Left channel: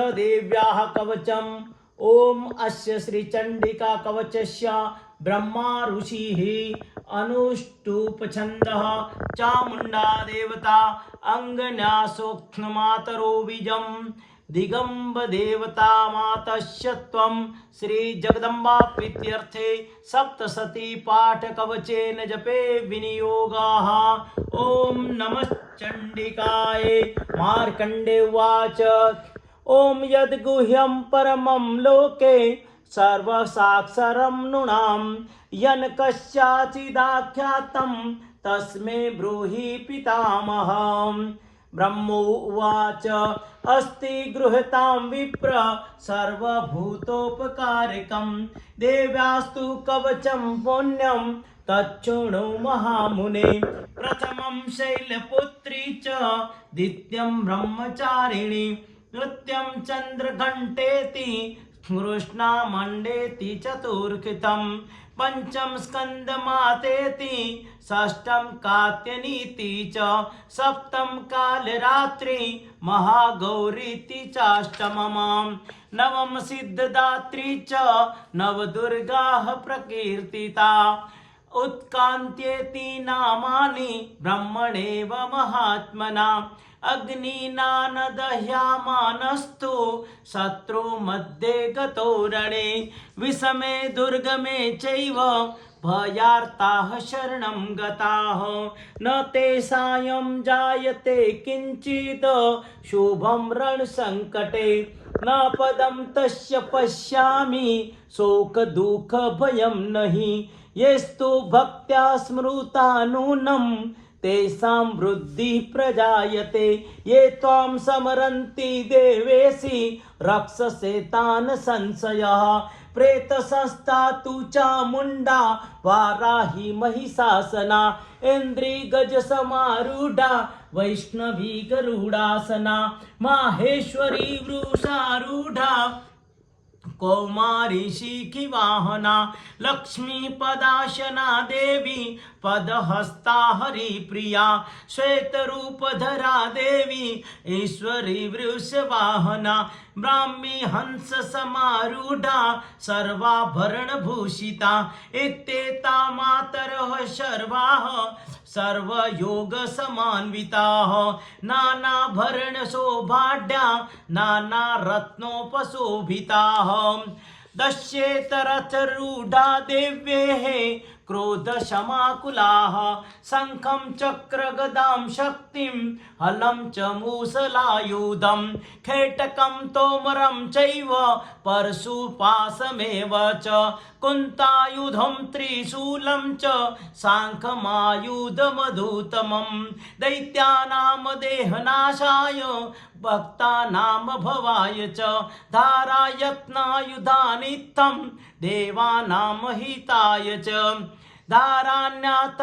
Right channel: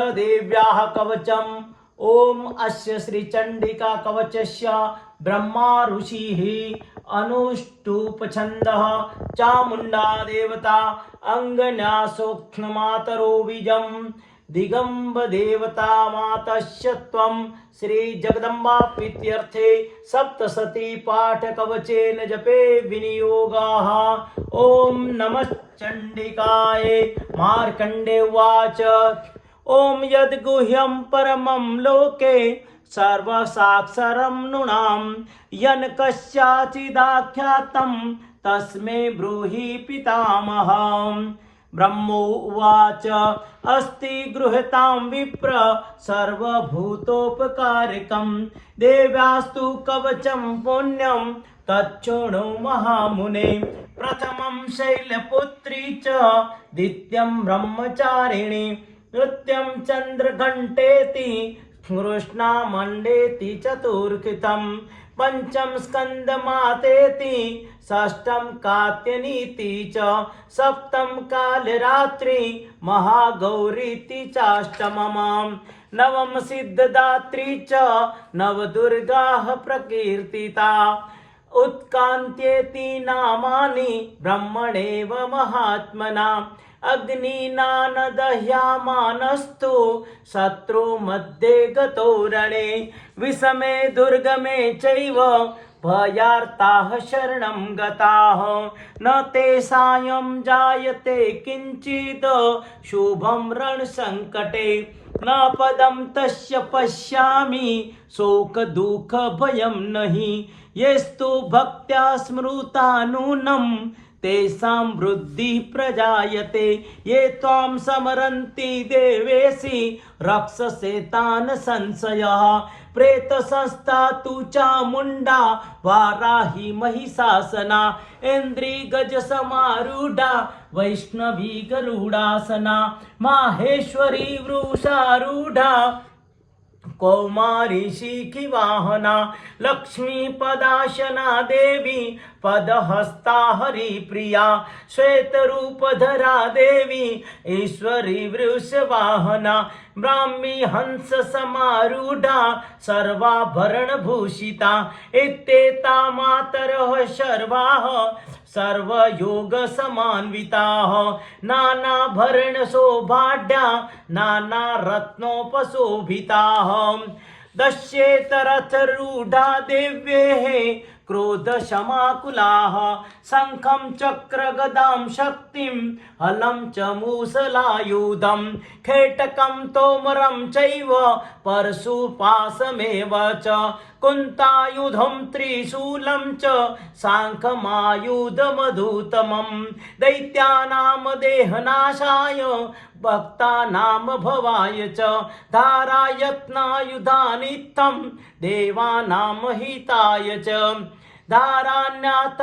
देव्याः कवचम् ॐ अस्य श्रीचण्डिका कवचस्य ब्रह्मा ऋषिः अनुष्टुपछन्दः। चामुण्डा देवता अङ्गन्यासोक्ष्णमातरो बीजं दिगम्बदेवता मातस्य त्वं। श्रीजगदम्बा प्रीत्यर्थे सप्तसती पाठकवचेन जपे विनियोगाः। ॐ नमः चण्डिकाय। मार्कण्डे उवाच। ॐ यद्गुह्यं परमं लोके सर्वसाक्षरं नृणां। यन् कस्याचिदाख्यातं तस्मै ब्रूहि पितामहम् ब्रह्मोवाच अस्ति गृहतां विप्र सर्वभूतोपकारकं। देव्यास्तु कवचं पुण्यं, तच्छृणु महामुने। प्रथमं शैलपुत्री च, द्वितीयं ब्रह्मचारिणी। नृत्यं चन्द्रघण्टेति कृष्णा मण्डेति चतुर्कृतं पञ्चम स्कन्दमातेति, षष्ठं कात्यनीति च, सप्तं कालरात्रि, महागौरीति चाष्टमम् नवम सिद्धदात्री च, नवदुर्गाः प्रकीर्तिता उत्कान्त्येति नामानि, ब्रह्मणेव महात्मना। अग्निनानदह्यामानस्तु शत्रु मध्ये गतो रणे। विषमे दुर्गमे चैव भयार्ताः शरणं गताः। न ते सायं जायते किञ्चित्। शुभं रणसङ्कटे। न पदं तस्य पश्यामि। शोकदुःखभयं नहि। येस्तु भक्त्या स्मृता नूनं तेषां वृद्धिः प्रजायते ये त्वां समरन्ति देवेशि रक्षसेतान् संशयः प्रेतसंस्था तु चामुण्डा वाराहि महिषासना इन्द्री गजसमारूढा वैष्णवी गरुडासना माहेश्वरी वृषारूढा। कौमारी शिखि वाहना लक्ष्मी पदाशना देवी पदहस्ता हरिप्रिया श्वेतरूपधरा देवी ईश्वरी वृषवाहना ब्राह्मी हंस समारूढा सर्वाभरणभूषिता इत्येता मातरः सर्वाः सर्वयोगसमान्विताः नानाभरणशोभाढ्या नानारत्नोपशोभिताः दश्येतरथरूढा देव्येः क्रोधशमाकुलाः शङ्खं चक्रगदां शक्तिं, हलं च मूसलायुधं, खेटकं तोमरं चैव परशुपासमेव च, कुन्तायुधं त्रिशूलं च, साङ्खमायुधमधुतमं, दैत्यानां देहनाशाय भक्तानां भवाय च धारायत्नायुधानित्थं देवानां हिताय च धारान्यातायुनित्थं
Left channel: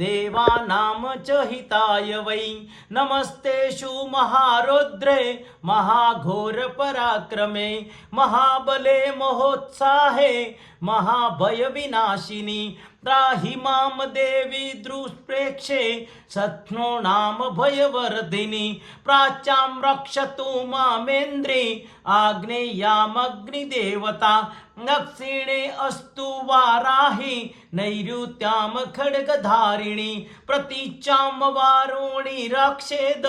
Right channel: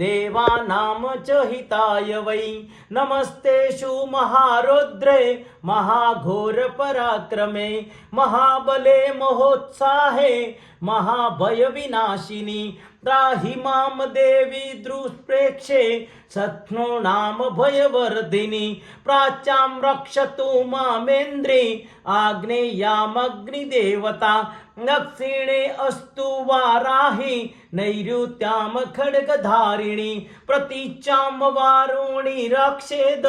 देवानां च हिताय वै। नमस्तेषु महारौद्रे महाघोरपराक्रमे महाबले महोत्साहे महाभयविनाशिनि त्राहि माँ देवी दुष्प्रेक्षे शत्नो नाम भयवर्धिनि। प्राच्यां रक्षतु मामेन्द्रे, आग्नेयामग्निदेवता दक्षिणे अस्तु वाराहि नैऋत्यां खड्गधारिणि प्रतीचां वारुणि रक्षेद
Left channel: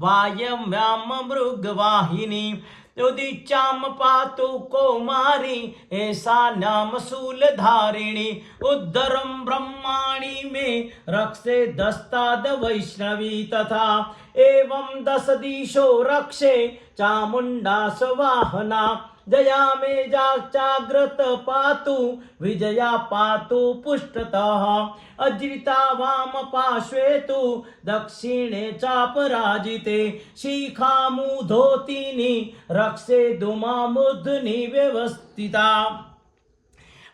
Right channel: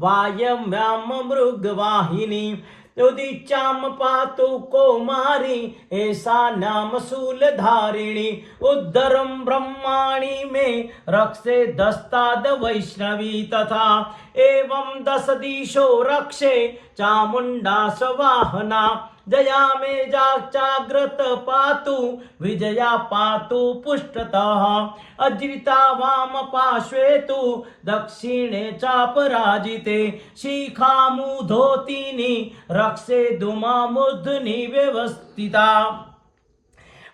वायव्यां मृगवाहिनी उदिचां पातु कौमारी, ऐसा नाम शूलधारिणी उद्धरं ब्रह्माणि मे रक्षे दस्ताद वैष्णवी तथा। एवं दश दिशो रक्षे चामुंडा सवाहना जया मे जाग्रत पातु, विजया पातु पुष्टतः। अजिता वाम पार्श्वे तु दक्षिणे चापराजिते शिखामुधोतिनि रक्षे धुमामुद्धनि व्यवस्थिता।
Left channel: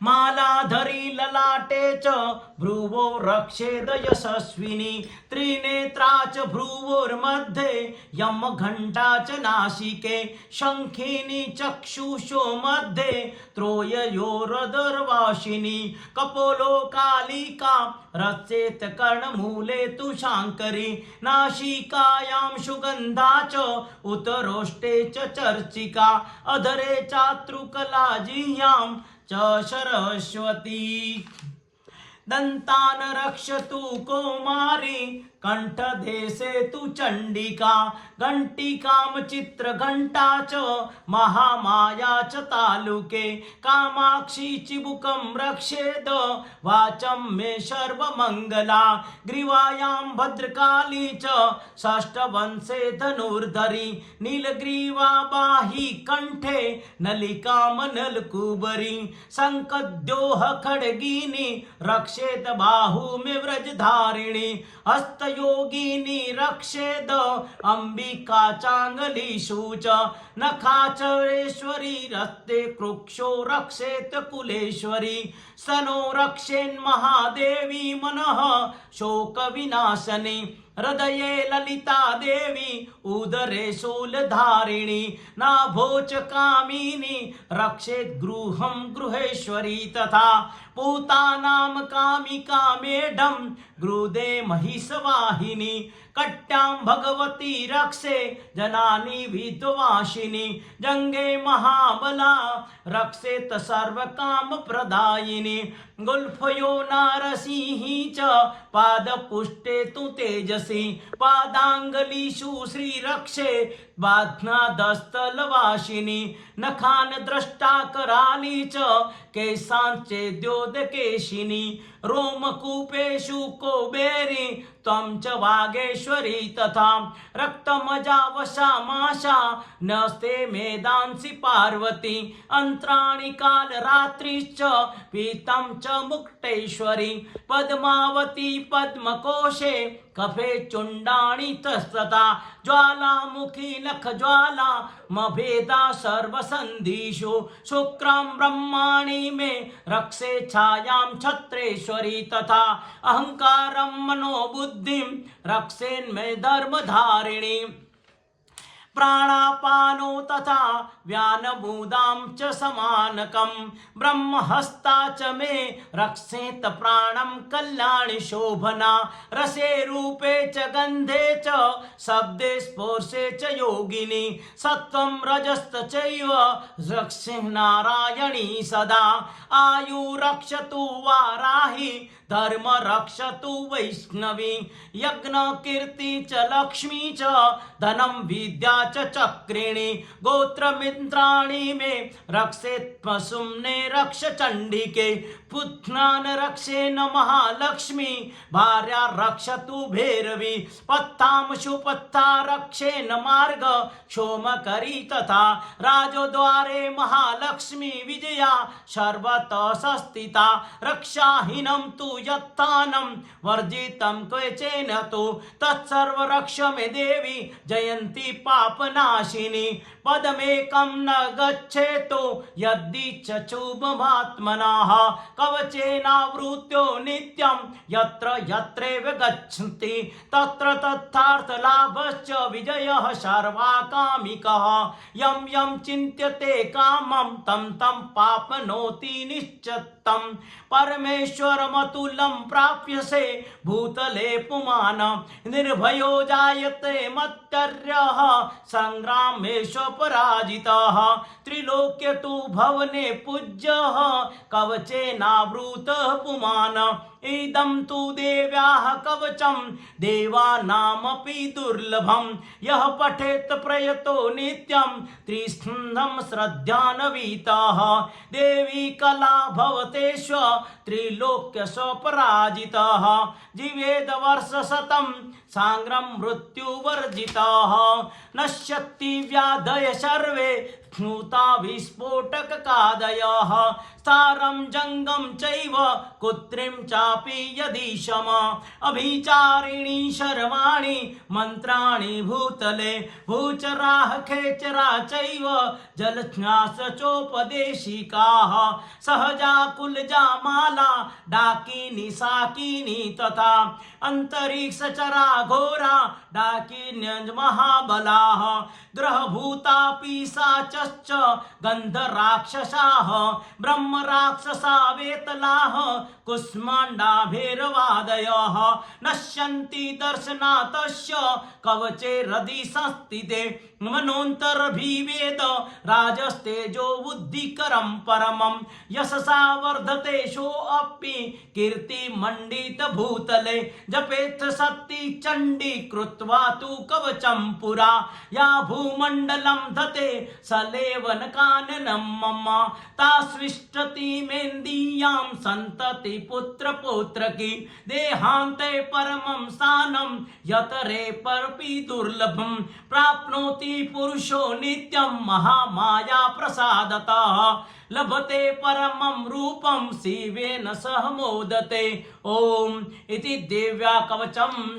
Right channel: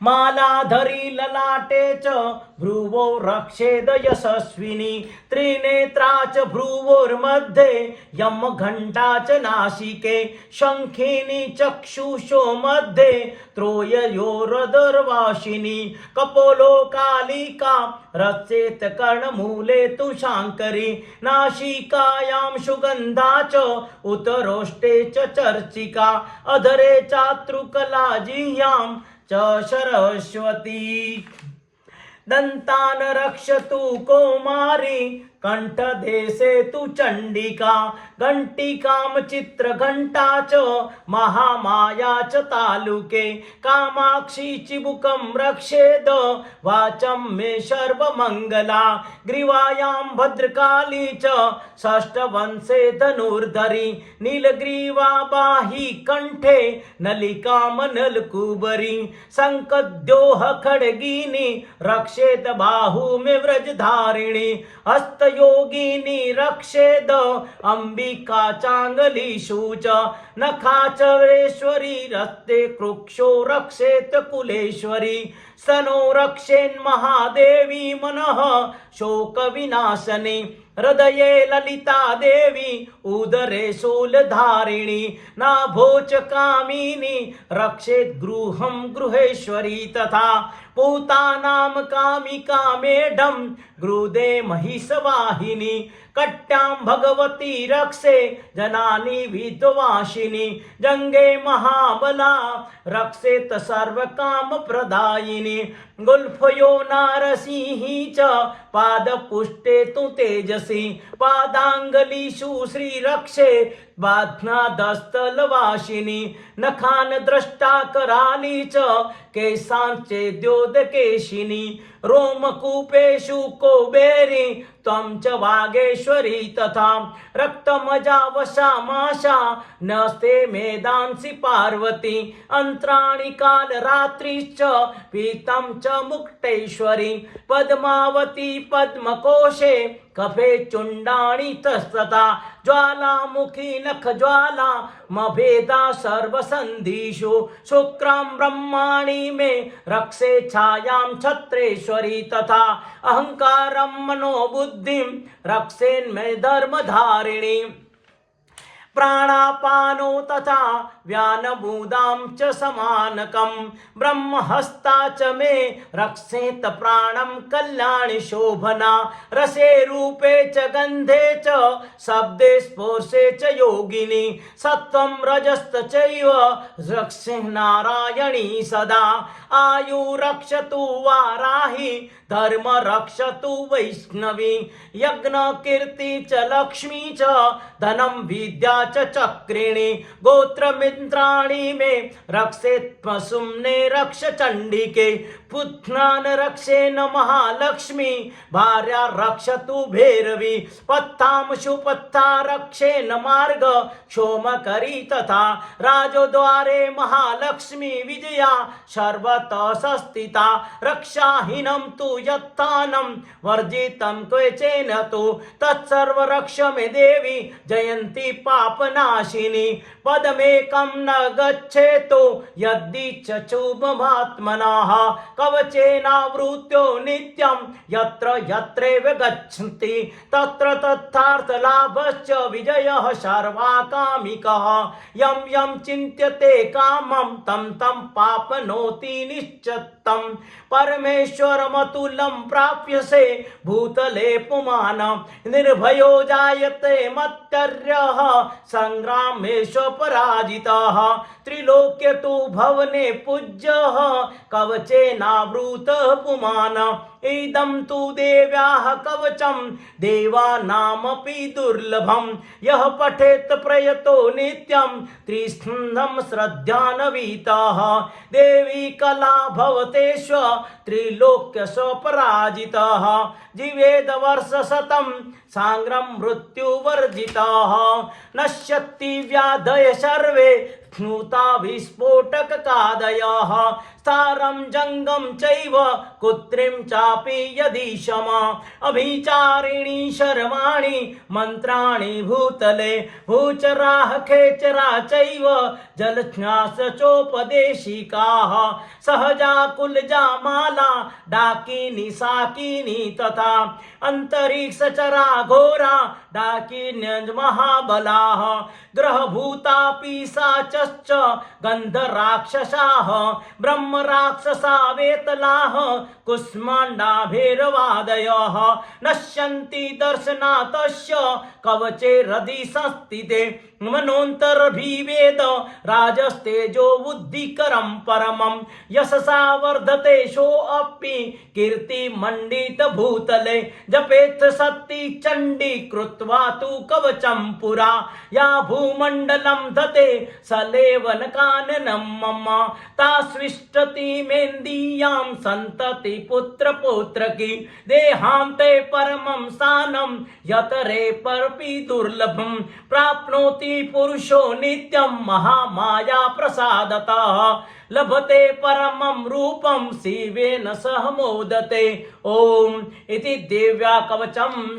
मालाधरी ललाटे च भ्रुवो रक्षेद यशस्विनी. त्रिनेत्रा च भ्रुवोर्मध्ये यम घण्टा च नाशिके. शङ्खिनी चक्षुषो मध्ये त्रोययोरदर्वाशिनी कपोलो कालिका रचेत कर्णमूले तु शाङ्करी नाशिकायां सुगन्धा च उतरोष्टे च चर्चिका. अधरे चातृकला जिह्यां च सरस्वती दन्तान् रक्षतु कौमारी कण्ठदेशे तु चण्डिका। घण्टिकां चित्रघण्टा च महामाया च तालुके कामाक्षी चिबुकं रक्षेद वाचं मे सर्वमङ्गला ग्रीवायां भद्रकाली च षष्ठवंशे धनुर्धरी नीलग्रीवा बाहि कण्ठे नलिकामनलकुबरी शङ्खद्योः खड्गिनी रक्षेत बाहुमे व्रजधारिणी हस्तयोगिनी रक्षेद अम्बिका चाङ्गलीषु च नखाचरेश्वरी रस्ते कृक्षो रक्षेत कुलेश्वरी। सनो रक्षेन्महादेवी मनः शोकविनाशने, हृदये ललिता देवी, उदरे शूलधारिणी नाभोच कामिनी रक्षेत् गृहं गृहेश्वरी तथा पूतानां कामिका मेढं, गृदे महिषवाहिनी, कट्यां भगवती रक्षे, जनानि विद्वाशिनी जङ्गे महाबला रक्षेत सर्वकामप्रदायिनी गुल्फयो नारसिंही च पादपुष्टे तु तेजसि पादाङ्गलीषु श्रीरक्षे बाध्नादस्तलवासिनी नखान द्रष्टा कराली च केशाञ्चेद्योदकेशिनी रोमकूपेषु कोबेरी त्वं च वागेश्वरी तथा रक्तमजावशामाशा नस्ते मेदांसि पार्वती अन्त्राणि कालरात्रिश्च पीतं च मुक्तेश्वरी पद्मावती, पद्मकोशे, कफे चुण्डाणि तस्तता ज्वालामुखी नखज्वाला मभेदा, सर्वसन्धिषु, शुक्रां ब्रह्माणि मे, रक्षे छायां छत्रेश्वरी तथा अहङ्कारं मनोबुद्धिं, रक्षेन्मे धर्मधारिणी प्राणापानो तथा व्यानभूदां च समानकं ब्रह्महस्ता च मे रक्षेत प्राणं कल्याणि शोभना। रसे रूपे च गन्धे च शब्दे स्पर्शे च योगिनी। सत्त्वं रजस्त चैव रक्षे नारायणी सदा। आयु रक्षतु वाराहि धर्म रक्षतु वैष्णवी यज्ञकीर्ति च लक्ष्मी च धनं विद्या च चक्रिणी गोत्रमिन्द्राणि मे रक्षेत् पशुम्ने रक्ष चण्डिके पुत्रान् रक्षेन महालक्ष्मी भार्या रक्षतु भैरवी पत्तांशु पत्ता रक्षेन मार्ग क्षोमकरी तथा राजद्वारे महालक्ष्मी विजया सर्वतः संस्थिता रक्षाहीनं तु यत्तानं वर्जितं क्वचेन तु तत्सर्वरक्ष मे देवी जयन्ती पापनाशिनी। पदमेकं न गच्छेतो यद्दिच्छुभमात्मनः कवचेनावृत्यो नित्यं यत्र यत्रैव गच्छन्ति। तत्र तथार्थलाभश्च विजयः सर्वाकामिकः। यं यं चिन्त्यते कामं, तं तं पापनोति निश्चत्तं। परमेश्वरमतुलं प्राप्यसे भूतले पुमान। निर्भयो जायते मत्तर्य संग्रामेश पराजिता त्रिलोक्य तु भवने पूज्य, कवचे नावृत पुमान। इदं तु देव्याः कवचं। देवानामपि दुर्लभं। यः पठेत् प्रयतो नित्यं। त्रिस्कन्धं श्रद्धानवीतः। देवी कला भवतेष्व त्रिलोक्यस्वपराजितः जीवेदवर्षशतं साङ्ग्रं मृत्युवर्जितः। नश्यति व्याधय सर्वे। स्नुता विस्फोटककादयः। सारं जङ्गं चैव कुत्रिं चापि यदि शम। अभिचारिणी शर्वाणि मन्त्राणि भूतले। भूचराः खेचरा चैव जलज्ञास चोपदेशिकाः सहजा कुलजा माला डाकिनी साकिनी तथा अन्तरिक्षचरा घोरा डाकिन्यज महाबलाः ग्रहभूता पिशाचश्च गन्धराक्षसाः ब्रह्मराक्षसा वेतलाः कुष्माण्डाभिर्वादयः। नश्यन्ति दर्शनातस्य कवचे हृदि संस्थिते। मनोऽन्तर्भिवेद राजस्तेजो बुद्धिकरं परमं। यशसा वर्धते सोऽपि कीर्तिमण्डितभूतले। जपेत् शक्ति चण्डी कृत्वा तु कवचं पुरा। या भूमण्डलं धते सलेवनकाननं मम। ता सृष्टति मेन्दीयां सन्तति पुत्रपौत्रकी। देहान्ते परमं स्थानं यतरे परपि दुर्लभं। प्राप्नोति पुरुषो नित्यं महामाया प्रसादतः लभते परमं रूपं शिवेन सह मोदते। ॐ इति देव्या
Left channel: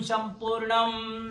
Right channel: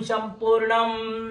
सम्पूर्णम्।